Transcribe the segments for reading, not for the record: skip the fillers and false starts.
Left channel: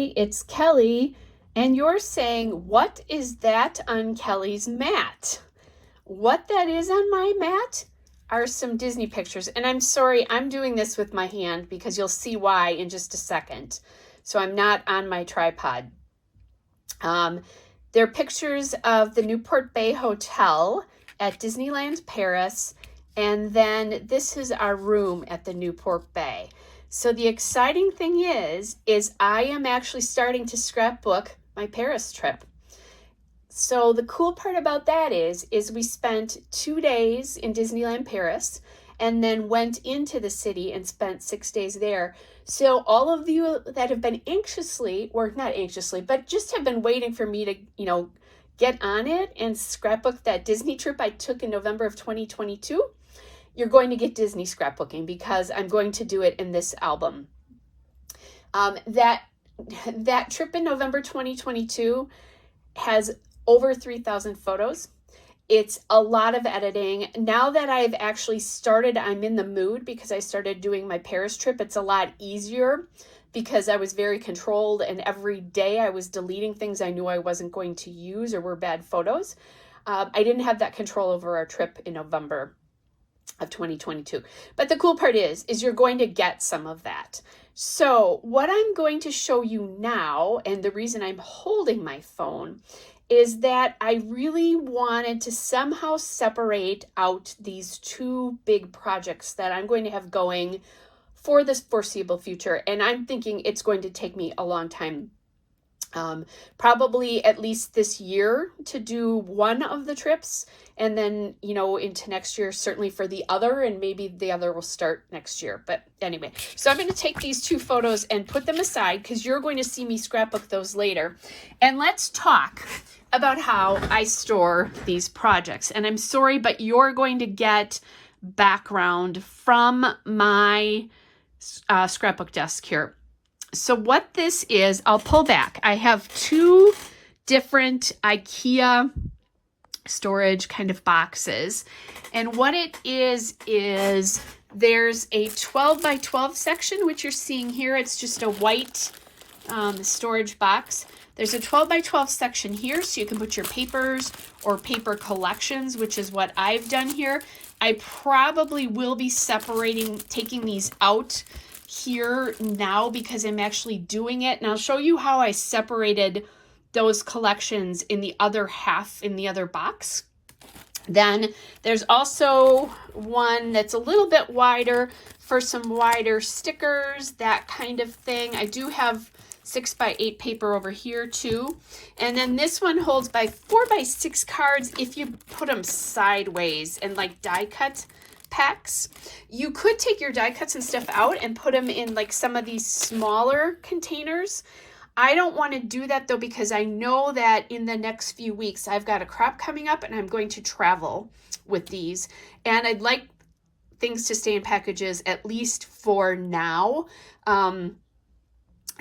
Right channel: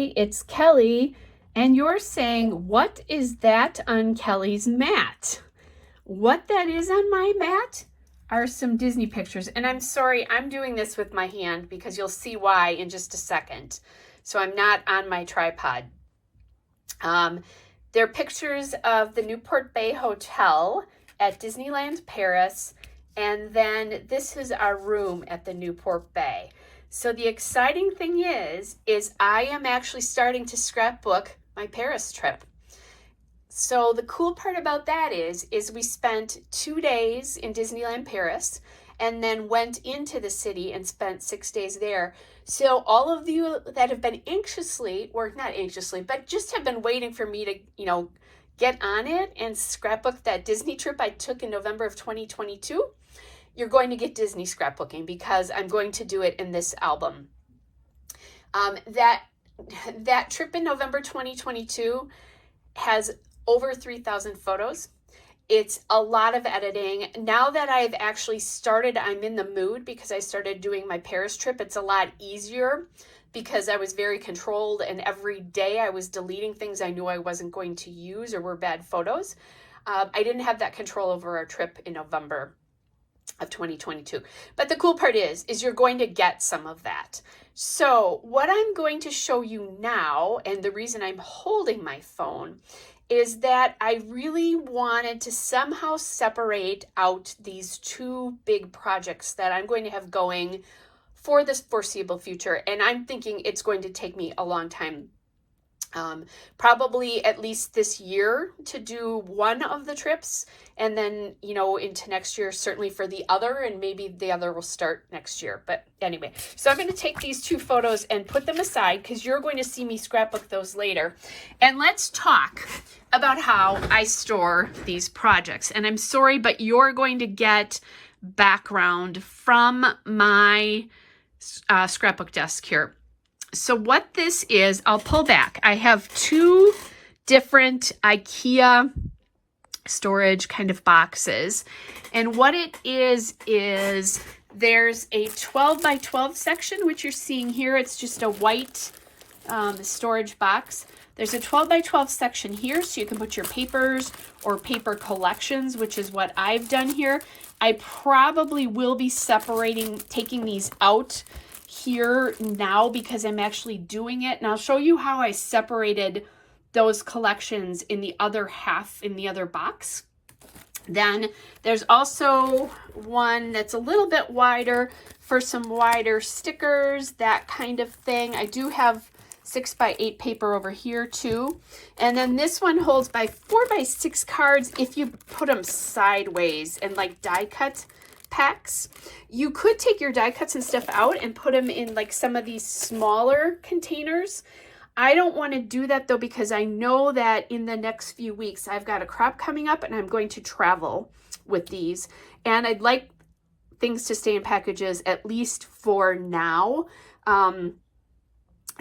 Hi, it's Kelly, and you're saying, what is that on Kelly's mat? What that is on my mat are some Disney pictures, and I'm sorry, I'm doing this with my hand because you'll see why in just a second. So I'm not on my tripod. They're pictures of the Newport Bay Hotel at Disneyland Paris, and then this is our room at the Newport Bay. So the exciting thing is I am actually starting to scrapbook my Paris trip. So the cool part about that is we spent 2 days in Disneyland Paris and then went into the city and spent 6 days there. So all of you that have been anxiously, or not anxiously, but just have been waiting for me to, get on it and scrapbook that Disney trip I took in November of 2022, you're going to get Disney scrapbooking because I'm going to do it in this album. That trip in November 2022 has over 3,000 photos. It's a lot of editing. Now that I've actually started, I'm in the mood because I started doing my Paris trip. It's a lot easier because I was very controlled, and every day I was deleting things I knew I wasn't going to use or were bad photos. I didn't have that control over our trip in November of 2022. But the cool part is you're going to get some of that. So what I'm going to show you now, and the reason I'm holding my phone, is that I really wanted to somehow separate out these two big projects that I'm going to have going for this foreseeable future. And I'm thinking it's going to take me a long time, probably at least this year, to do one of the trips, and then into next year certainly for the other, and maybe the other will start next year. But anyway, so I'm going to take these two photos and put them aside because you're going to see me scrapbook those later, and let's talk about how I store these projects. And I'm sorry, but you're going to get background from my scrapbook desk here. So what this is, I'll pull back. I have two different IKEA storage kind of boxes. And what it is there's a 12 by 12 section, which you're seeing here. It's just a white storage box. There's a 12 by 12 section here, so you can put your papers or paper collections, which is what I've done here. I probably will be taking these out here now because I'm actually doing it, and I'll show you how I separated those collections in the other half, in the other box. Then there's also one that's a little bit wider for some wider stickers, that kind of thing. I do have 6 by 8 paper over here too. And then this one holds by 4 by 6 cards if you put them sideways and like die cut packs. You could take your die cuts and stuff out and put them in like some of these smaller containers. I don't want to do that though, because I know that in the next few weeks I've got a crop coming up and I'm going to travel with these, and I'd like things to stay in packages at least for now.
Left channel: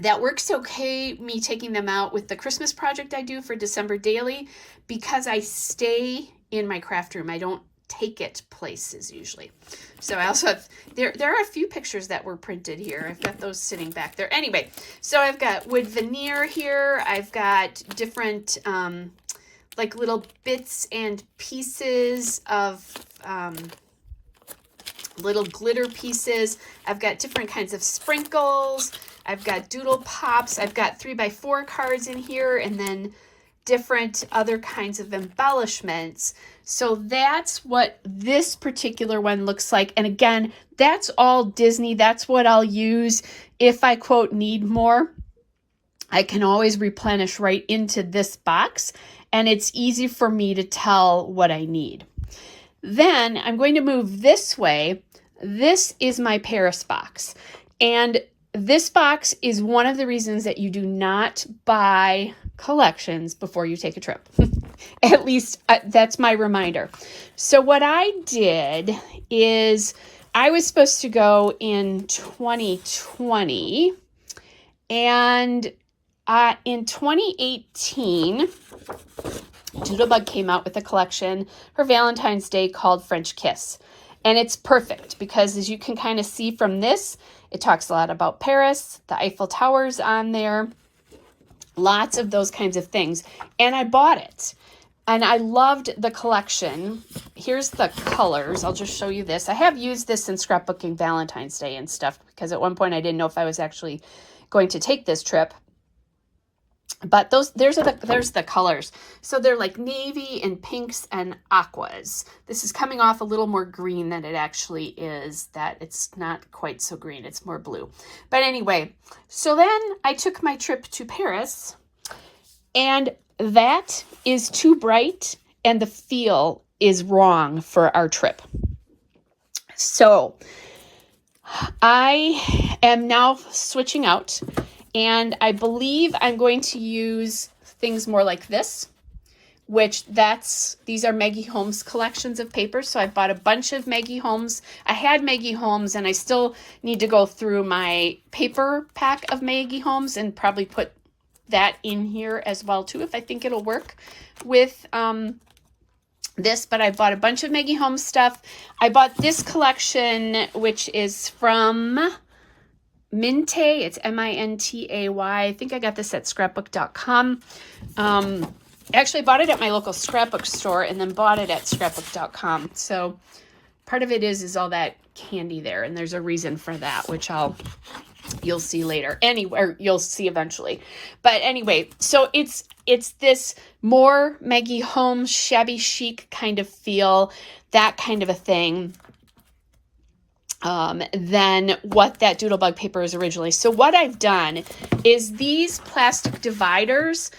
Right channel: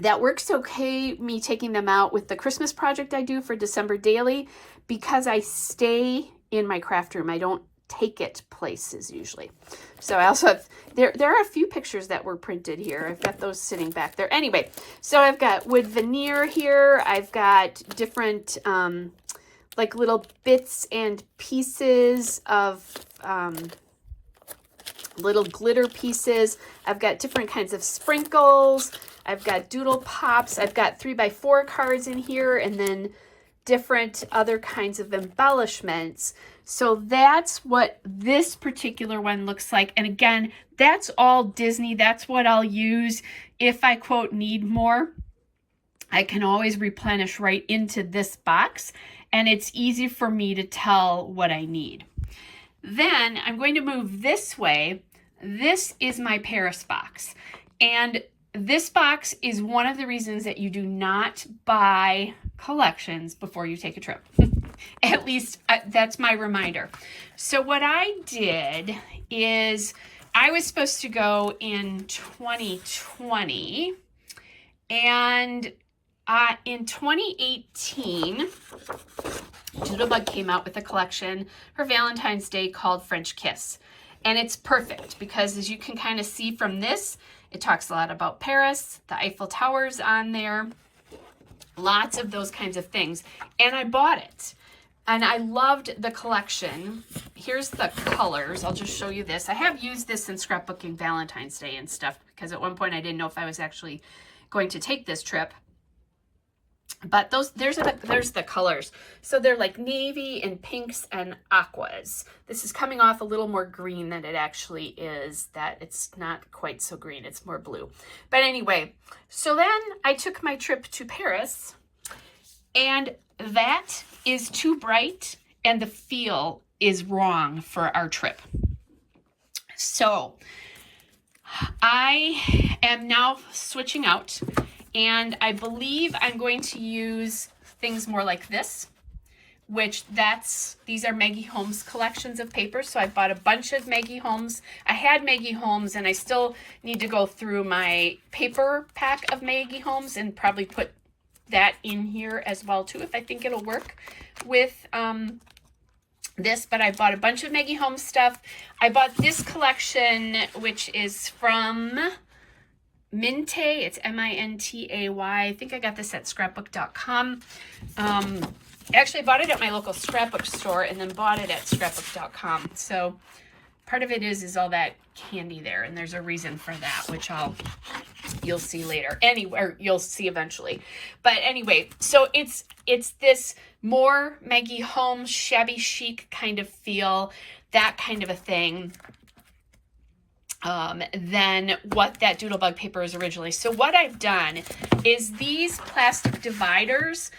That works okay, me taking them out with the Christmas project I do for December daily, because I stay in my craft room. I don't take it places usually. So I also have, there are a few pictures that were printed here. I've got those sitting back there. Anyway, so I've got wood veneer here. I've got different like little bits and pieces of little glitter pieces. I've got different kinds of sprinkles. I've got doodle pops. I've got 3 by 4 cards in here, and then different other kinds of embellishments. So that's what this particular one looks like. And again, that's all Disney. That's what I'll use if I, quote, need more. I can always replenish right into this box, and it's easy for me to tell what I need. Then I'm going to move this way. This is my Paris box. And this box is one of the reasons that you do not buy collections before you take a trip. At least that's my reminder. So what I did is I was supposed to go in 2020, and in 2018, Doodlebug came out with a collection for Valentine's Day called French Kiss. And it's perfect because, as you can kind of see from this, it talks a lot about Paris. The Eiffel Tower's on there. Lots of those kinds of things. And I bought it. And I loved the collection. Here's the colors. I'll just show you this. I have used this in scrapbooking Valentine's Day and stuff because at one point I didn't know if I was actually going to take this trip. But there's the colors. So they're like navy and pinks and aquas. This is coming off a little more green than it actually is. That it's not quite so green. It's more blue. But anyway, so then I took my trip to Paris, and that is too bright and the feel is wrong for our trip. So I am now switching out. And I believe I'm going to use things more like this, which these are Maggie Holmes collections of papers. So I bought a bunch of Maggie Holmes. I had Maggie Holmes and I still need to go through my paper pack of Maggie Holmes and probably put that in here as well too, if I think it'll work with this. But I bought a bunch of Maggie Holmes stuff. I bought this collection, which is from Mintay. It's Mintay. I think I got this at scrapbook.com. Actually bought it at my local scrapbook store and then bought it at scrapbook.com. So part of it is all that candy there, and there's a reason for that, which you'll see later. Anyway, you'll see eventually. But anyway, so it's this more Maggie Holmes shabby chic kind of feel, that kind of a thing, than what that Doodlebug paper is originally. So what I've done is these plastic dividers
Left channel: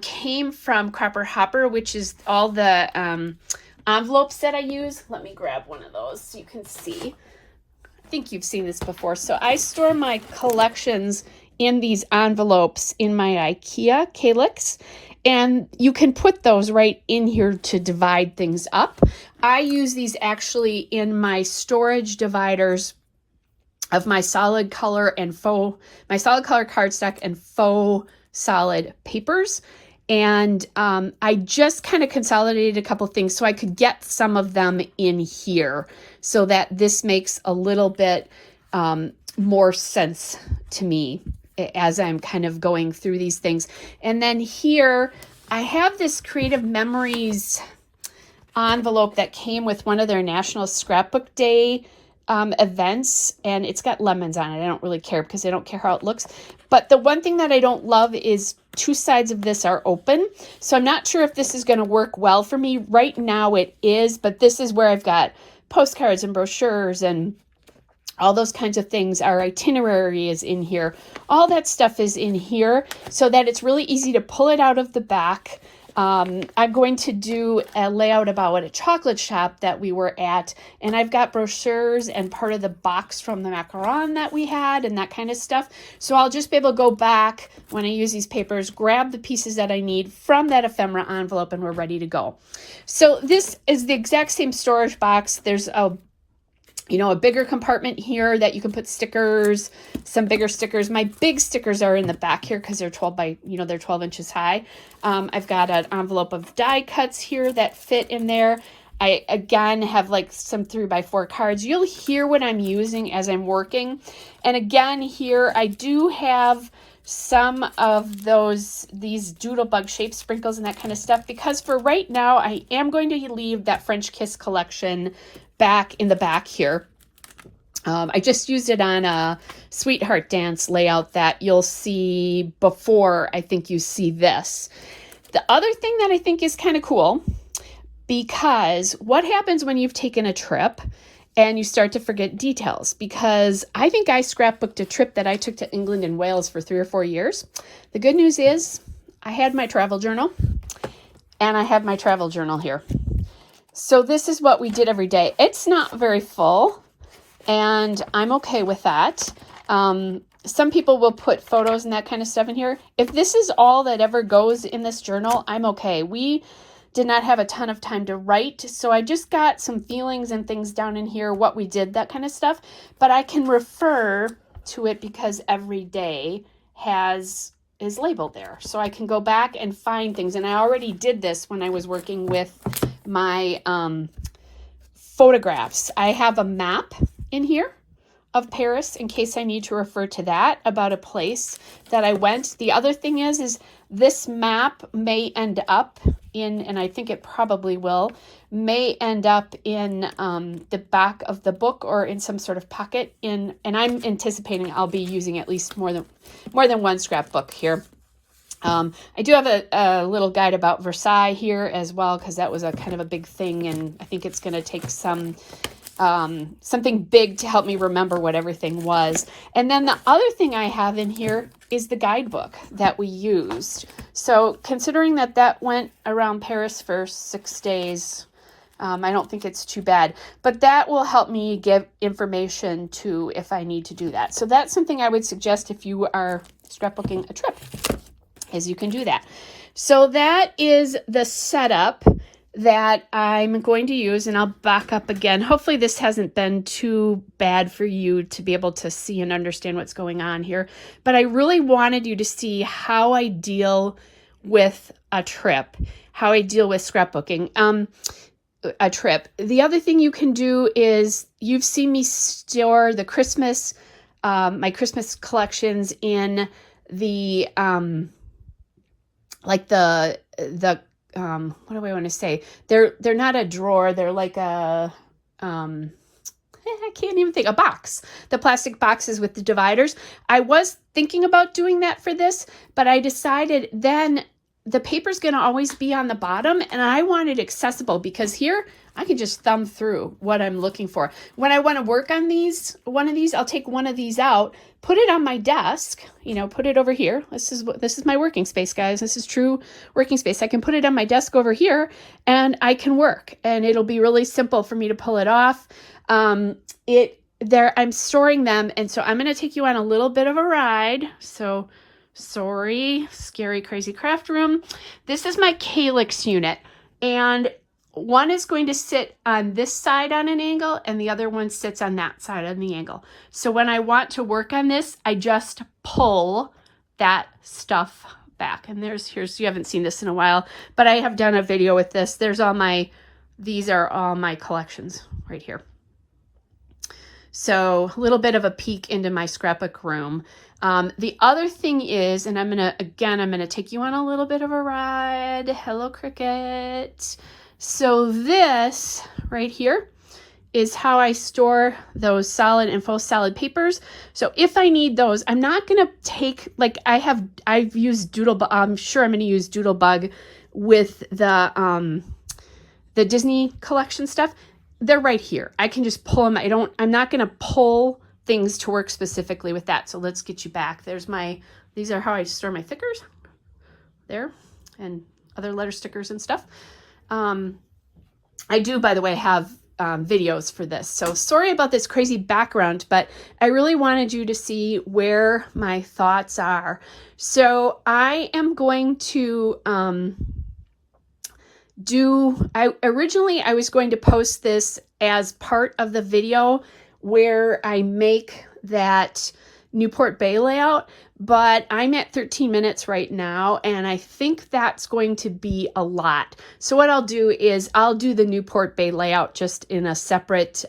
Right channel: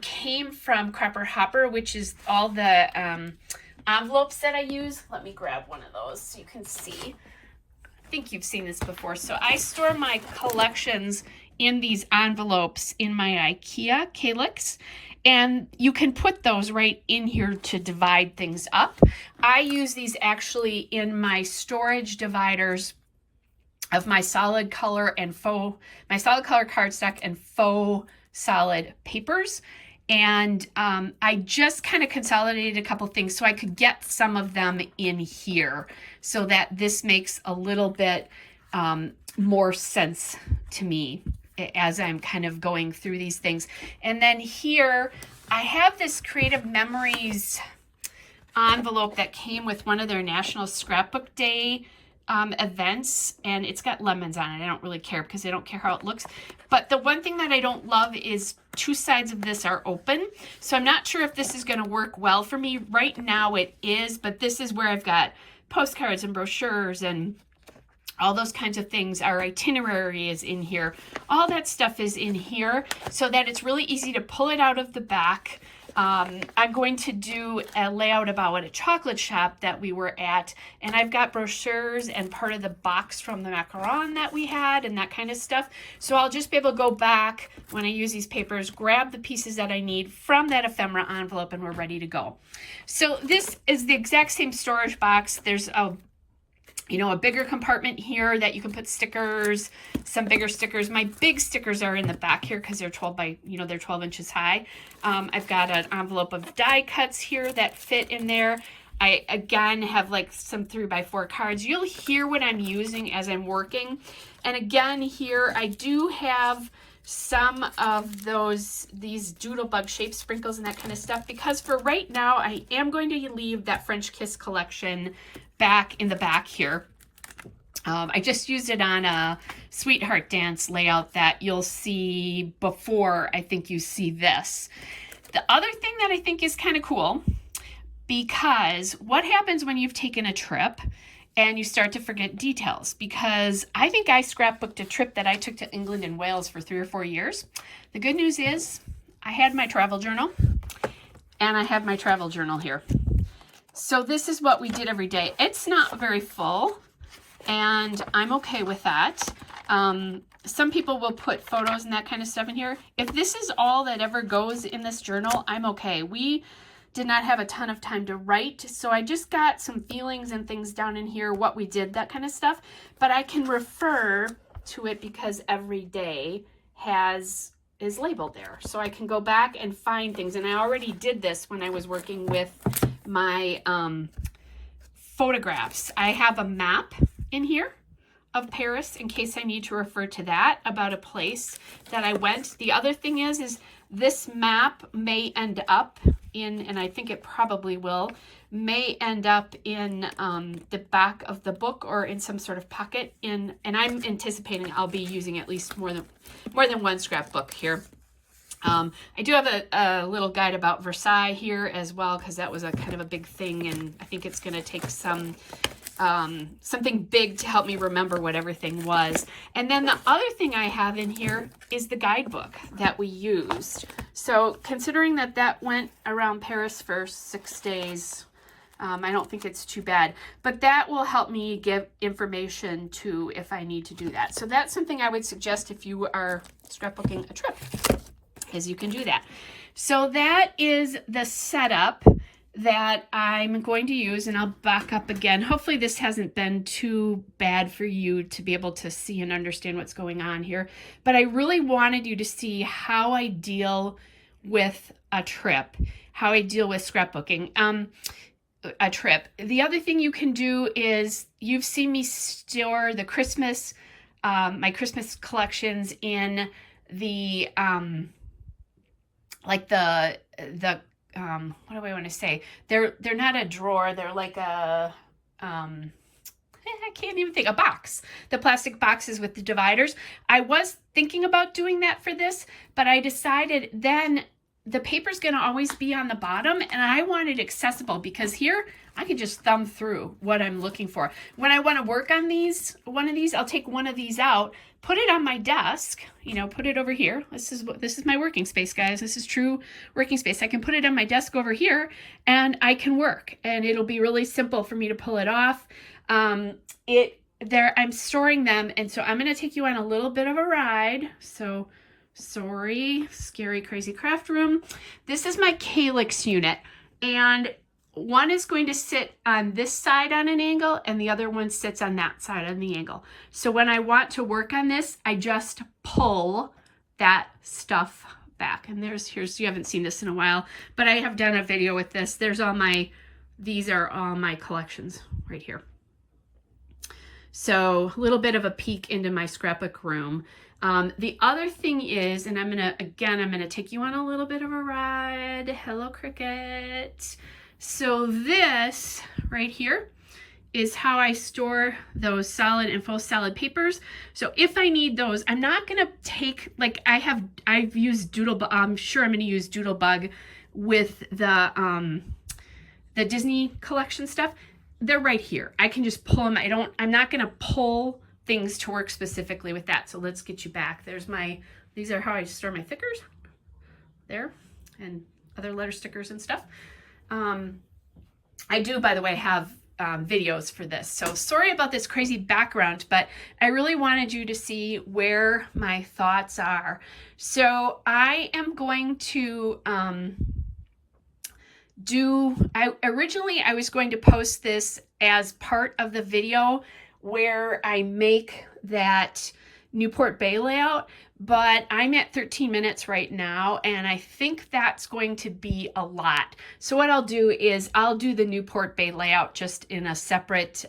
came from Cropper Hopper, which is all the envelopes that I use. Let me grab one of those so you can see. I think you've seen this before. So I store my collections in these envelopes in my IKEA Calyx. And you can put those right in here to divide things up. I use these actually in my storage dividers of my solid color and my solid color cardstock and faux solid papers. And I just kind of consolidated a couple things so I could get some of them in here so that this makes a little bit more sense to me as I'm kind of going through these things. And then here I have this Creative Memories envelope that came with one of their National Scrapbook Day events, and it's got lemons on it. I don't really care because I don't care how it looks. But the one thing that I don't love is two sides of this are open. So I'm not sure if this is going to work well for me. Right now it is, but this is where I've got postcards and brochures and all those kinds of things. Our itinerary is in here. All that stuff is in here so that it's really easy to pull it out of the back. I'm going to do a layout about a chocolate shop that we were at, and I've got brochures and part of the box from the macaron that we had and that kind of stuff. So I'll just be able to go back when I use these papers, grab the pieces that I need from that ephemera envelope, and we're ready to go. So this is the exact same storage box. There's a bigger compartment here that you can put stickers, some bigger stickers. My big stickers are in the back here because they're 12 inches high. I've got an envelope of die cuts here that fit in there. I, again, have like some 3x4 cards. You'll hear what I'm using as I'm working. And again, here I do have some of these Doodlebug shape sprinkles and that kind of stuff, because for right now, I am going to leave that French Kiss collection back in the back here. I just used it on a Sweetheart Dance layout that you'll see before I think you see this. The other thing that I think is kind of cool, because what happens when you've taken a trip and you start to forget details? Because I think I scrapbooked a trip that I took to England and Wales for 3 or 4 years. The good news is I had my travel journal, and I have my travel journal here. So this is what we did every day. It's not very full, and I'm okay with that. Some people will put photos and that kind of stuff in here. If this is all that ever goes in this journal, I'm okay. We did not have a ton of time to write, so I just got some feelings and things down in here, what we did, that kind of stuff. But I can refer to it because every day is labeled there. So I can go back and find things. And I already did this when I was working with my photographs. I have a map in here of Paris in case I need to refer to that about a place that I went. The other thing is this map may end up in, and I think it probably will, may end up in the back of the book or in some sort of pocket and I'm anticipating I'll be using at least more than one scrapbook here. I do have a little guide about Versailles here as well, because that was a kind of a big thing, and I think it's going to take some something big to help me remember what everything was. And then the other thing I have in here is the guidebook that we used. So considering that went around Paris for 6 days, I don't think it's too bad, but that will help me give information to if I need to do that. So that's something I would suggest if you are scrapbooking a trip, is you can do that. So that is the setup that I'm going to use, and I'll back up again. Hopefully this hasn't been too bad for you to be able to see and understand what's going on here, but I really wanted you to see how I deal with a trip, how I deal with scrapbooking. A trip. The other thing you can do is, you've seen me store the Christmas, my Christmas collections in the, like the what do I want to say? They're not a drawer. They're like a, I can't even think, a box, the plastic boxes with the dividers. I was thinking about doing that for this, but I decided then the paper's going to always be on the bottom, and I want it accessible because here I can just thumb through what I'm looking for. When I want to work on one of these, I'll take one of these out, put it on my desk, put it over here. This is my working space, guys. This is true working space. I can put it on my desk over here and I can work, and it'll be really simple for me to pull it off. I'm storing them, and so I'm going to take you on a little bit of a ride. So sorry, scary, crazy craft room. This is my calyx unit, and one is going to sit on this side on an angle, and the other one sits on that side on the angle. So when I want to work on this, I just pull that stuff back. And here's, you haven't seen this in a while, but I have done a video with this. These are all my collections right here. So a little bit of a peek into my scrapbook room. The other thing is, and I'm going to take you on a little bit of a ride. Hello, Cricket. So this right here is how I store those solid and faux solid papers. So if I need those, I'm not going to take, like I've used Doodlebug. I'm sure I'm going to use Doodlebug with the Disney collection stuff. They're right here. I can just pull them. I'm not going to pull things to work specifically with that. So let's get you back. These are how I store my thickers there, and other letter stickers and stuff. I do, by the way, have videos for this. So sorry about this crazy background, but I really wanted you to see where my thoughts are. So I am going to originally I was going to post this as part of the video where I make that Newport Bay layout, but I'm at 13 minutes right now, and I think that's going to be a lot. So what I'll do is I'll do the Newport Bay layout just in a separate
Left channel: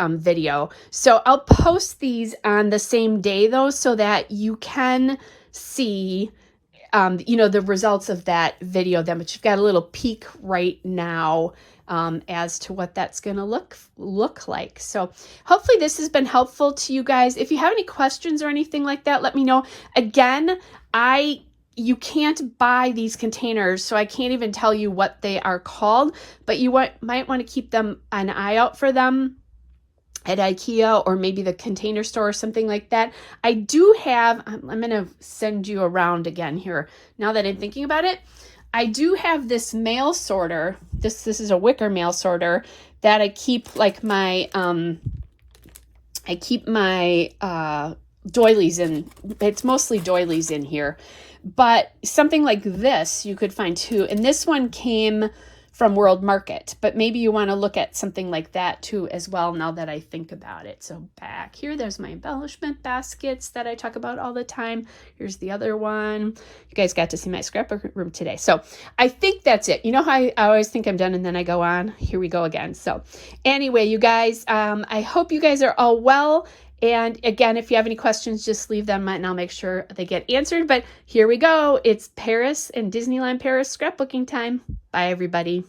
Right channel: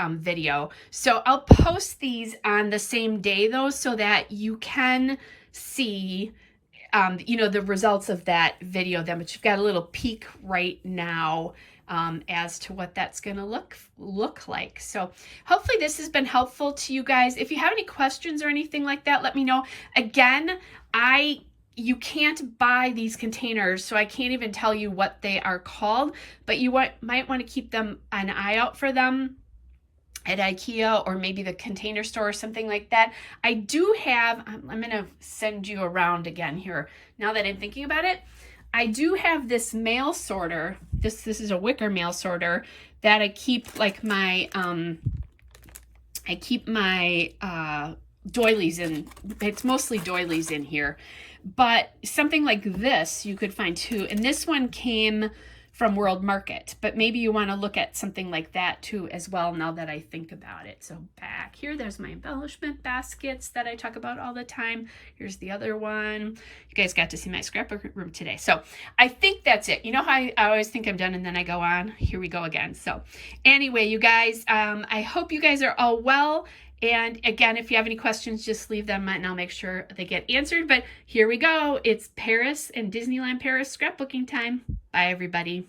video. So I'll post these on the same day though, so that you can see the results of that video then, but you've got a little peek right now as to what that's going to look like. So hopefully this has been helpful to you guys. If you have any questions or anything like that, let me know. Again, you can't buy these containers, so I can't even tell you what they are called, but you might want to keep an eye out for them at IKEA or maybe the Container Store or something like that. I do have, I'm going to send you around again here now that I'm thinking about it. I do have this mail sorter. This is a wicker mail sorter that I keep like my doilies in. It's mostly doilies in here, but something like this you could find too. And this one came from World Market. But maybe you want to look at something like that too as well, now that I think about it. So back here, there's my embellishment baskets that I talk about all the time. Here's the other one. You guys got to see my scrapbook room today. So I think that's it. You know how I always think I'm done and then I go on? Here we go again. So anyway, you guys, I hope you guys are all well. And again, if you have any questions, just leave them and I'll make sure they get answered. But here we go. It's Paris and Disneyland Paris scrapbooking time. Bye, everybody.